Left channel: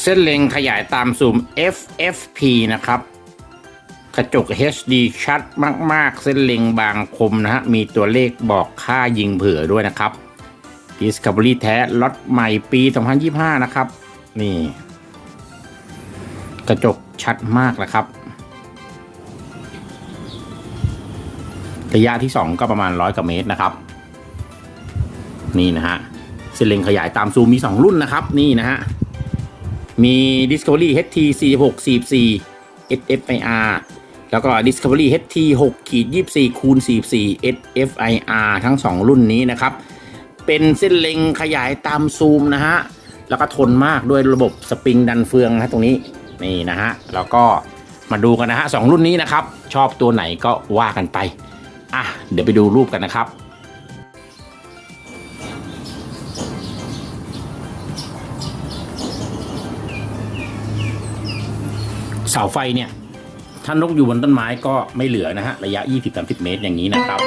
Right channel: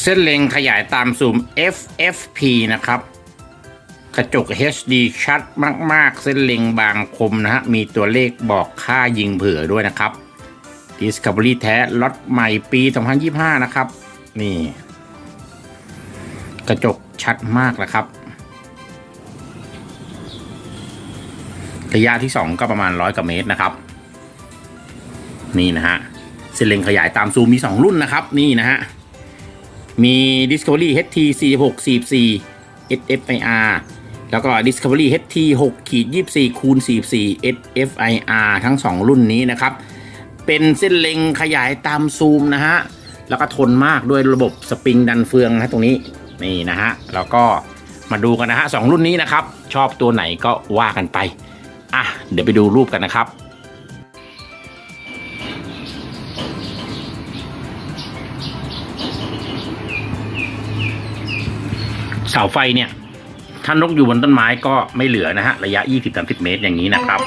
เส้นเล็งขยายตามซูม FFP นะครับ กระจก HD ชัดมาก ๆ เส้นเล็งบางคมนะฮะ มีตัวเลขบอกค่ายิงเผื่อด้วยนะครับ Discovery แท้ล็อตใหม่ปี 2025 นะครับ นี่ กระจกชัดมากนะครับ ระยะที่ 2 ก็ประมาณ 100กว่าเมตรนะครับ นี่นะฮะเส้นเล็งขยายตามซูมมี 2 รุ่นนะครับ นี่นะฮะ มี Discovery HT 46 44 SFIR แล้วก็ Discovery HT 6ขีด24คูณ44 SFIR ทั้ง 2 รุ่นนี้นะครับ เป็นเส้นเล็งขยายตามซูมนะฮะ แล้วก็ทนมากด้วยระบบสปริงดันเฟืองนะตรงนี้ นี่นะฮะ แล้วก็มาดูกันนะฮะสองรุ่นนี้นะครับ ชอบตัวไหนก็ว่ากันไป อะ เดี๋ยวไปดูรูปกันนะครับาไฟเนี่ย ถ้านกอยู่บนต้นไม้ก็ไม่เหลือนะฮะ ระยะ 20-30 เมตรอย่างนี้นะครับ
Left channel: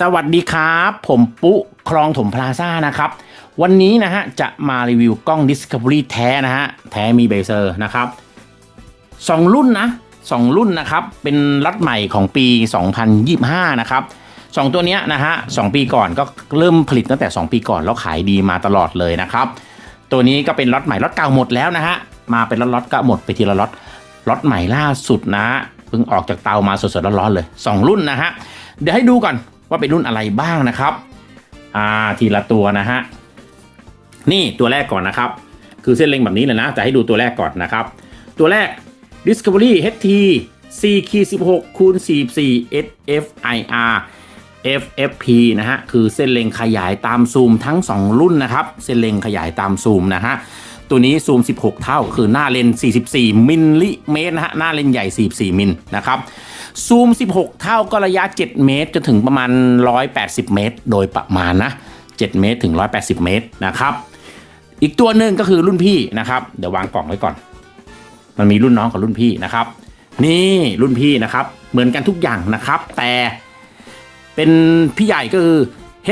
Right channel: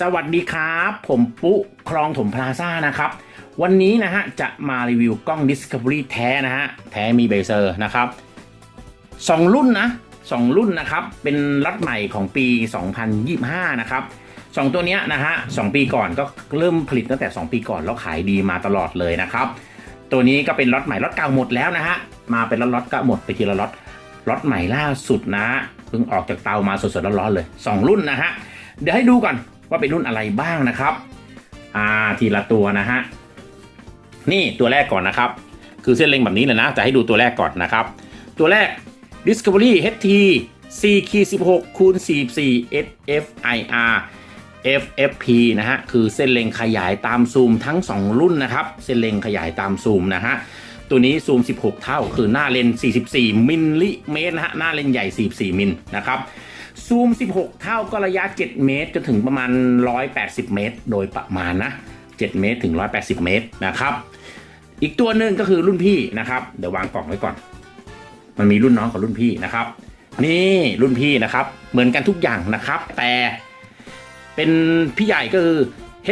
สวัสดีครับ ผมปุ๊คลองถมพลาซ่านะครับ วันนี้นะฮะ จะมารีวิวกล้อง Discovery แท้นะฮะ แท้มีเบเซอร์นะครับสองรุ่นนะสองรุ่นนะครับ เป็นล็อตใหม่ของปี 2025 นะครับสองตัวเนี้ยนะฮะสองปีก่อนก็เริ่มผลิตตั้งแต่ 2 ปีก่อน แล้วขายดีมาตลอดเลยนะครับ ตัวนี้ก็เป็นล็อตใหม่ล็อตเก่าหมดแล้วนะฮะมาเป็นล็อตล็อตก็หมดไปทีละล็อตล็อตใหม่ล่าสุดนะเพิ่งออกจากเตามาสดๆร้อนๆเลยสองรุ่นนะฮะเดี๋ยวให้ดูก่อน ว่าเป็นรุ่นอะไรบ้างนะครับ อ่าทีละตัวนะฮะ นี่ตัวแรกก่อนนะครับ คือเส้นเล็งแบบนี้เลยนะจะให้ดูตัวแรกก่อนนะครับ ตัวแรก Discovery HT C 16คูณ44 SFIR FFP นะฮะ คือเส้นเล็งขยายตามซูมทั้ง 2 รุ่นนะครับ เส้นเล็งขยายตามซูมนะฮะ ตัวนี้ซูม 16 เท่า คือหน้าเลน 44 มิลลิเมตรนะฮะ หน้าเลนใหญ่ 44 มิลนะครับ ซูม 16 เท่าก็ระยะ 7 เมตร จนถึงประมาณ 180 เมตร โดยประมาณนะ 7 เมตรถึง 180 เมตรนะครับ อีกตัวหนึ่งก็คือรุ่นพี่นะครับ เดี๋ยววางกล่องไว้ก่อน มันมีรุ่นน้องกับรุ่นพี่นะครับ นี่รุ่นพี่นะครับ เหมือนกันทุกอย่างนะครับ แต่เป็นพี่ใหญ่ก็คือ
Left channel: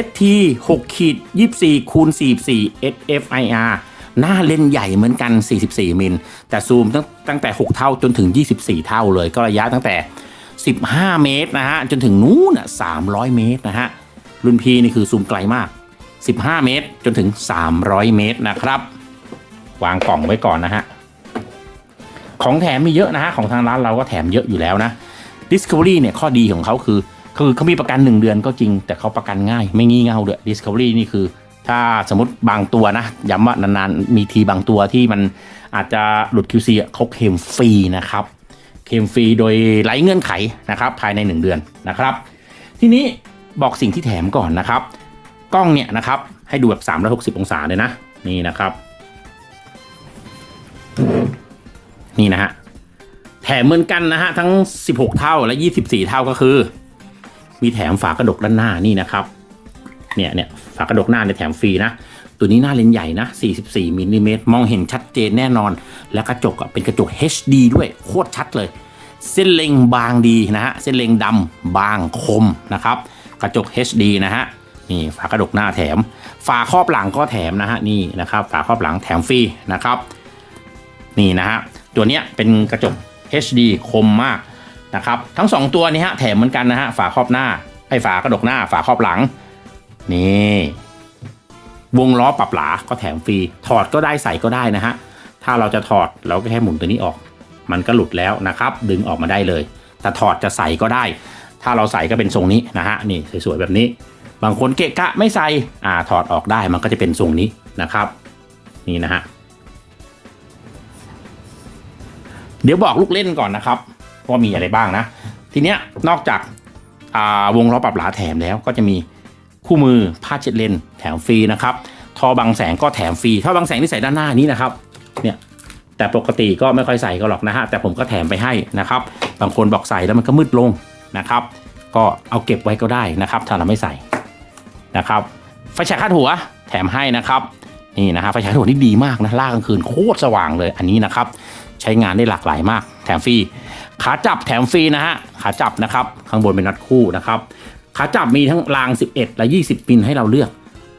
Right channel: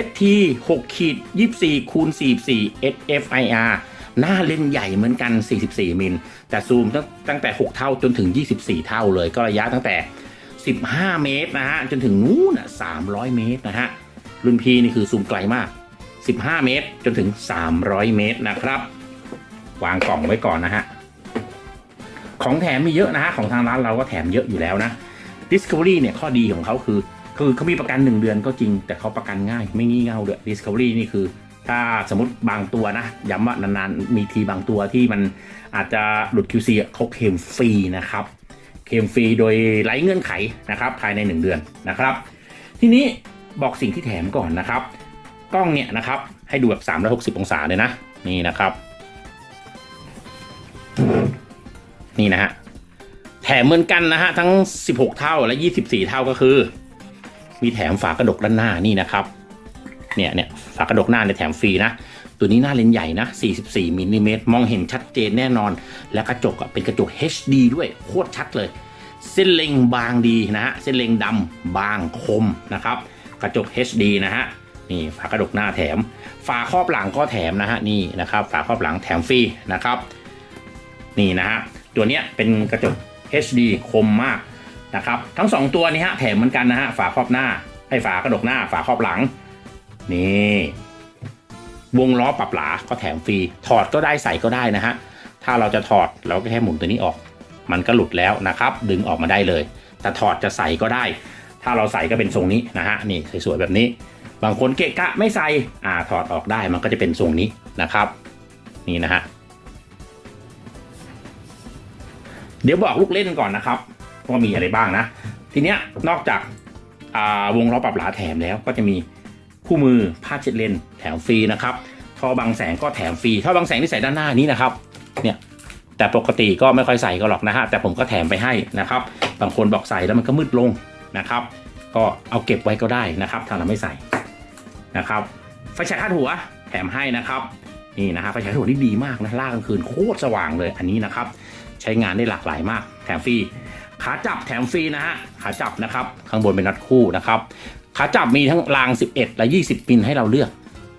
HT 6ขีด24คูณ44 SFIR หน้าเลนใหญ่เหมือนกัน 44 มิล แต่ซูมตั้งแต่ 6 เท่าจนถึง 24 เท่าเลย ก็ระยะตั้งแต่ 15 เมตรนะฮะ จนถึงนู้น่ะ300 เมตรนะฮะ รุ่นพีนี่คือซูมไกลมาก 15 เมตรจนถึง 300 เมตรนะครับ วางกล่องไว้ก่อนนะฮะ ของแถมมีเยอะนะฮะ ของทางร้านเราก็แถมเยอะอยู่แล้วนะ Discovery เนี่ยข้อดีของเขาคือ คือเขามีประกัน 1 เดือนก็จริง แต่เขาประกันง่าย ไม่งี่เง่าด้วย Discovery นี่คือ ถ้าสมมติบางตัวนะย้ำว่านานๆมีทีบางตัวที่มันอาจจะหลุด QC เขาเคลมฟรีนะครับเคลมฟรีโดยไร้เงื่อนไขนะครับภายใน 1 เดือนนะครับ ทีนี้บอกสิ่งที่แถมก่อนนะครับ กล้องเนี่ยนะครับให้ดูแบบ 360 องศาเลยนะ นี่นะครับ นี่นะฮะแถมเหมือนกันนะฮะทั้ง 16 เท่าและ 24 เท่าก็คือ มีแถมฝากระดกด้านหน้านี่นะครับ เนี่ยเนี่ยฝากระดกหน้าในแถมฟรีนะ ตัวนี้หน้าเลนส์ใหญ่นะ 44มิลลิเมตรมองเห็นชัดเจนแน่นอน และกระจกเป็นกระจก HD ด้วยโคตรชัดเลย เส้นเล็งบางดีนะฮะเส้นเล็งดำบางคมนะครับ กระจก HD นะฮะนี่ฝากระดกหน้าแถม ฝาครอบหลังก็แถมนะฮะนี่นะครับ ฝาครอบหลังแถมฟรีนะครับ นี่นะฮะตัวเนี้ยเป็นกระจก HD คมมากนะครับ ทั้ง 2 ตัวนี้ฮะแถมเหมือนกันนะฮะฝาครอบหน้าไอ้ฝากระดกหน้าฝาครอบหลัง นี่ วงล้อปรับหลาก็แถมฟรี ถอดก็ได้ใส่ก็ได้นะฮะ ถ้าเราจะถอดเราก็แค่หมุนตัวนี้ออก มันก็หลุดแล้วนะครับ ดึงออกมาได้เลย แต่ถอดจะใส่ก็ได้ ถ้าเราใส่ก็เป็นทรงนี้นะฮะ นี่สวยๆแบบนี้ บางคนเกะกะไม่ใส่ อ่า ถอดออกได้ มันก็จะเป็นทรงนี้นะครับ นี่นะฮะ เดี๋ยวบอกลูกเล่นก่อนนะครับว่ามีอะไรบ้างนะ ทีเนี้ยนอกจากาวงล้อปรับหลาแถมแล้วก็จะมี คู่มือผ้าเช็ดเลนแถมฟรีนะครับทอบังแสงก็แถมฟรีท่อบังแสงที่ใส่ด้านหน้านี้นะครับเนี่ยแต่ปกติก็ไม่ค่อยใส่ก็หรอกนะฮะแต่ผมก็แถมไปให้นะครับบางคนบอกใส่แล้วมันก็มืดลงนะครับ ก็เอาเก็บไว้ก็ได้นะครับ ถ้าเราไม่ใส่นะครับไฟฉายคาดหัวแถมให้นะครับนี่นะฮะไฟฉายคาดหัวนี่ดีมากนะล่ากลางคืนโคตรสว่างเลยอันนี้นะครับใช้งานได้หลากหลายมาก แถมฟรีขาจับแถมฟรีนะฮะขาจับนะครับข้างบนเป็นน็อตคู่นะครับ ขาจับมีทั้งราง 11 และ 20 มิลให้เราเลือก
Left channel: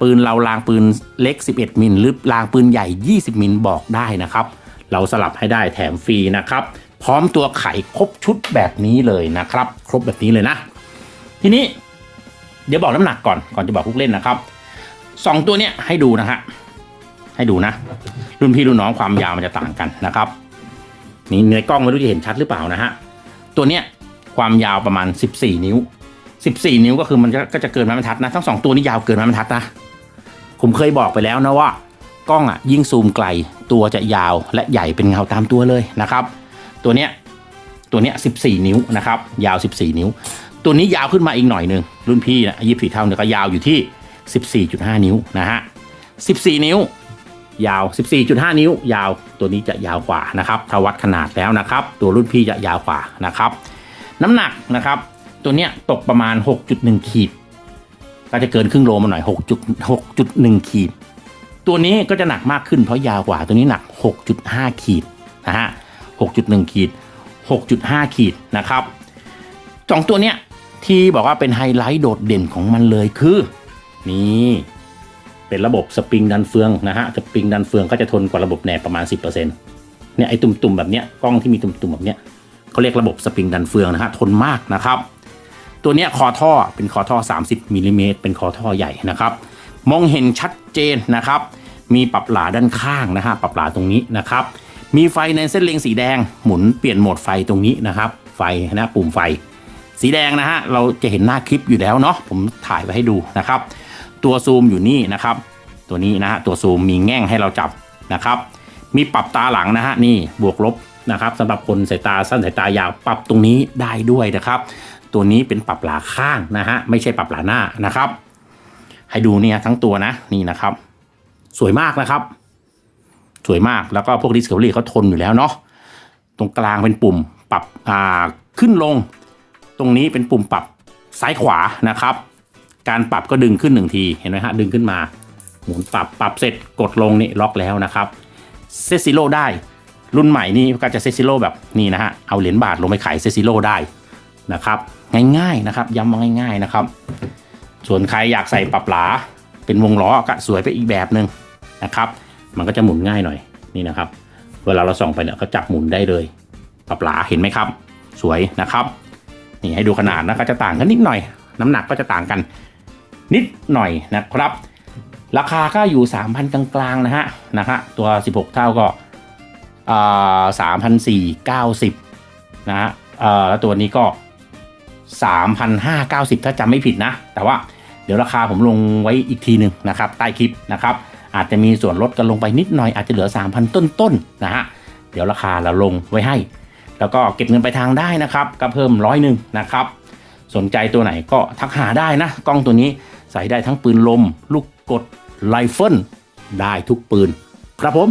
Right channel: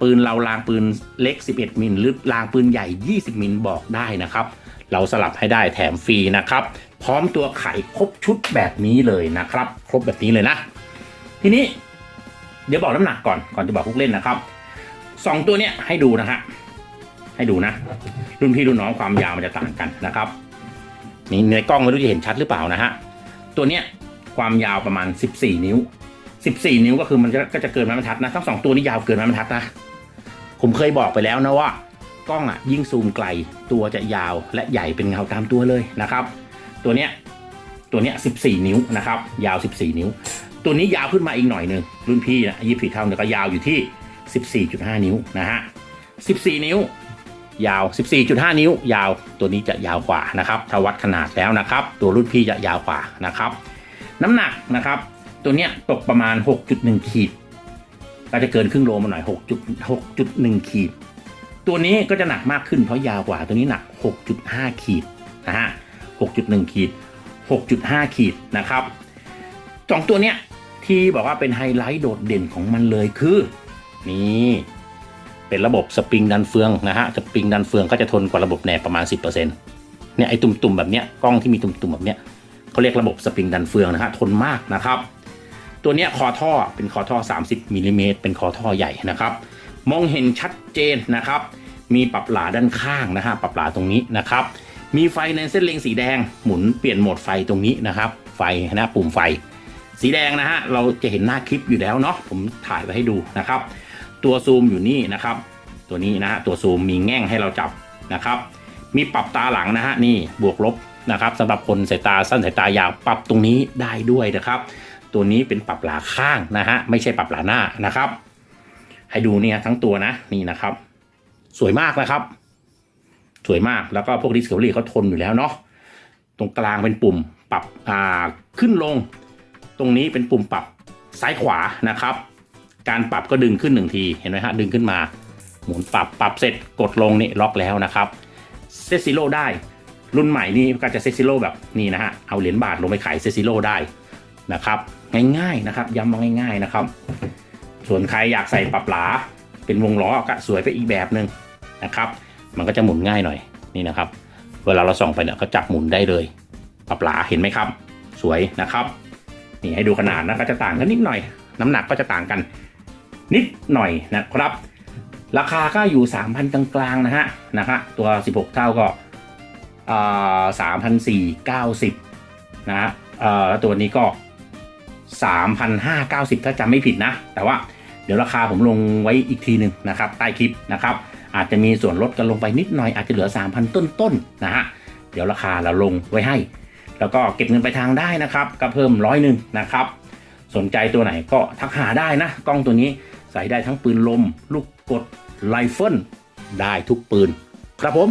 ปืนเรารางปืนเล็ก 11 มิลหรือรางปืนใหญ่ 20 มิลบอกได้นะครับ เราสลับให้ได้แถมฟรีนะครับ พร้อมตัวไขครบชุดแบบนี้เลยนะครับ ครบแบบนี้เลยนะ ทีนี้เดี๋ยวบอกน้ำหนักก่อนก่อนจะบอกลูกเล่นนะครับสองตัวเนี้ยให้ดูนะฮะให้ดูนะ รุ่นพี่รุ่นน้องความยาวมันจะต่างกันนะครับนี่ในกล้องไม่รู้จะเห็นชัดหรือเปล่านะฮะตัวเนี้ยความยาวประมาณ 14 นิ้ว 14 นิ้วก็คือมันก็จะเกินไม้บรรทัดนะ ทั้งสองตัวนี้ยาวเกินไม้บรรทัดนะ ผมเคยบอกไปแล้วนะว่ากล้องอะยิ่งซูมไกลตัวจะยาวและใหญ่เป็นเงาตามตัวเลยนะครับ ตัวเนี้ยตัวเนี้ย14 นิ้วนะครับ ยาว 14 นิ้ว ตัวนี้ยาวขึ้นมาอีกหน่อยหนึ่งรุ่นพี่นะยี่สิบเท่าเนี่ยก็ยาวอยู่ที่ 14.5 นิ้วนะฮะ14 นิ้ว ยาว 14.5 นิ้ว ยาวตัวนี้จะยาวกว่านะครับถ้าวัดขนาดแล้วนะครับ ตัวรุ่นพี่จะยาวกว่านะครับ น้ำหนักนะครับ ตัวเนี้ยตกประมาณ 6.1 ขีด ก็จะเกินครึ่งโลมาหน่อย 6 6.1 ขีด ตัวนี้ก็จะหนักมากขึ้นเพราะยาวกว่าตัวนี้หนัก 6.5 ขีดนะฮะ 6.1 ขีด 6.5 ขีดนะครับสองตัวเนี้ยที่บอกว่าเป็นไฮไลท์โดดเด่นของมันเลยคือนี่เป็นระบบสปริงดันเฟืองนะฮะสปริงดันเฟืองก็จะทนกว่าระบบแหนบประมาณ 10%เนี่ยไอ้ตุ่มๆแบบเนี้ยกล้องที่มีตุ่มๆแบบเนี้ยเขาเรียกระบบสปริงดันเฟืองนะฮะทนมากนะครับ ตัวเนี้ยคอท่อเป็นคอท่อ 30มิลลิเมตรเป็นคอท่อใหญ่นะครับ มองเห็นชัดเจนนะครับ มีปรับหลาด้านข้างนะฮะปรับหลาตรงนี้นะครับ มีไฟในเส้นเลงสีแดงหมุนเปลี่ยนโหมดไฟตรงนี้นะครับ ไฟนะปุ่มไฟ สีแดงนะฮะเราจะเห็นหน้าคลิปอยู่แล้วเนาะผมถ่ายไว้ให้ดูนะครับ ตัวซูมอยู่นี่นะครับ ตัวนี้นะฮะตัวซูมมีแง่งให้เราจับนะครับ มีปรับตาหลังนะฮะนี่บวกลบนะครับสำหรับคนสายตาสั้นสายตายาวปรับตรงนี้ได้ด้วยนะครับ ตัวนี้เป็นปรับหลาข้างนะฮะไม่ใช่ปรับหลาหน้านะครับ ให้ดูเนี่ยทั้งตัวนะนี่นะครับ สวยมากนะครับ สวยมากแล้วก็พวก Discovery เขาทนอยู่แล้วเนาะตรงกลางเป็นปุ่มปรับอ่าขึ้นลง ตรงนี้เป็นปุ่มปรับซ้ายขวานะครับ การปรับก็ดึงขึ้นหนึ่งทีเห็นไหมฮะดึงขึ้นมาหมุนปรับปรับเสร็จกดลงนี่ล็อกแล้วนะครับเซซิโลได้รุ่นใหม่นี่ก็จะเซซิโลแบบนี้นะฮะเอาเหรียญบาทลงไปขายเซซิโลได้นะครับ ง่ายๆนะครับ ย้ำมาง่าย ๆนะครับ ส่วนใครอยากใส่ปรับหลา เป็นวงล้อก็สวยไปอีกแบบหนึ่งนะครับ มันก็จะหมุนง่ายหน่อยนี่นะครับ เวลาเราส่องไปเนี่ยก็จับหมุนได้เลย ปรับหลาเห็นไหมครับ สวยนะครับนี่ให้ดูขนาดนะก็จะต่างกันนิดหน่อย น้ำหนักก็จะต่างกัน นิดหน่อยนะครับ ราคาก็อยู่ 3,000 กลางๆนะฮะนะฮะตัว 16 เท่าก็อ่เก้า3,490นะฮะแล้วตัวนี้ก็ 3,590 ถ้าจำไม่ผิดนะ แต่ว่าเดี๋ยวราคาผมลงไว้อีกทีหนึ่งนะครับ ใต้คลิปนะครับ อาจจะมีส่วนลดกันลงไปนิดหน่อยอาจจะเหลือ 3,000 ต้นๆนะฮะเดี๋ยวราคาเราลงไว้ให้ แล้วก็เก็บเงินไปทางได้นะครับ ก็เพิ่มร้อยหนึ่งนะครับ สนใจตัวไหนก็ทักหาได้นะ กล้องตัวนี้ใส่ได้ทั้งปืนลม ลูกกดไรเฟิลได้ทุกปืน ครับผม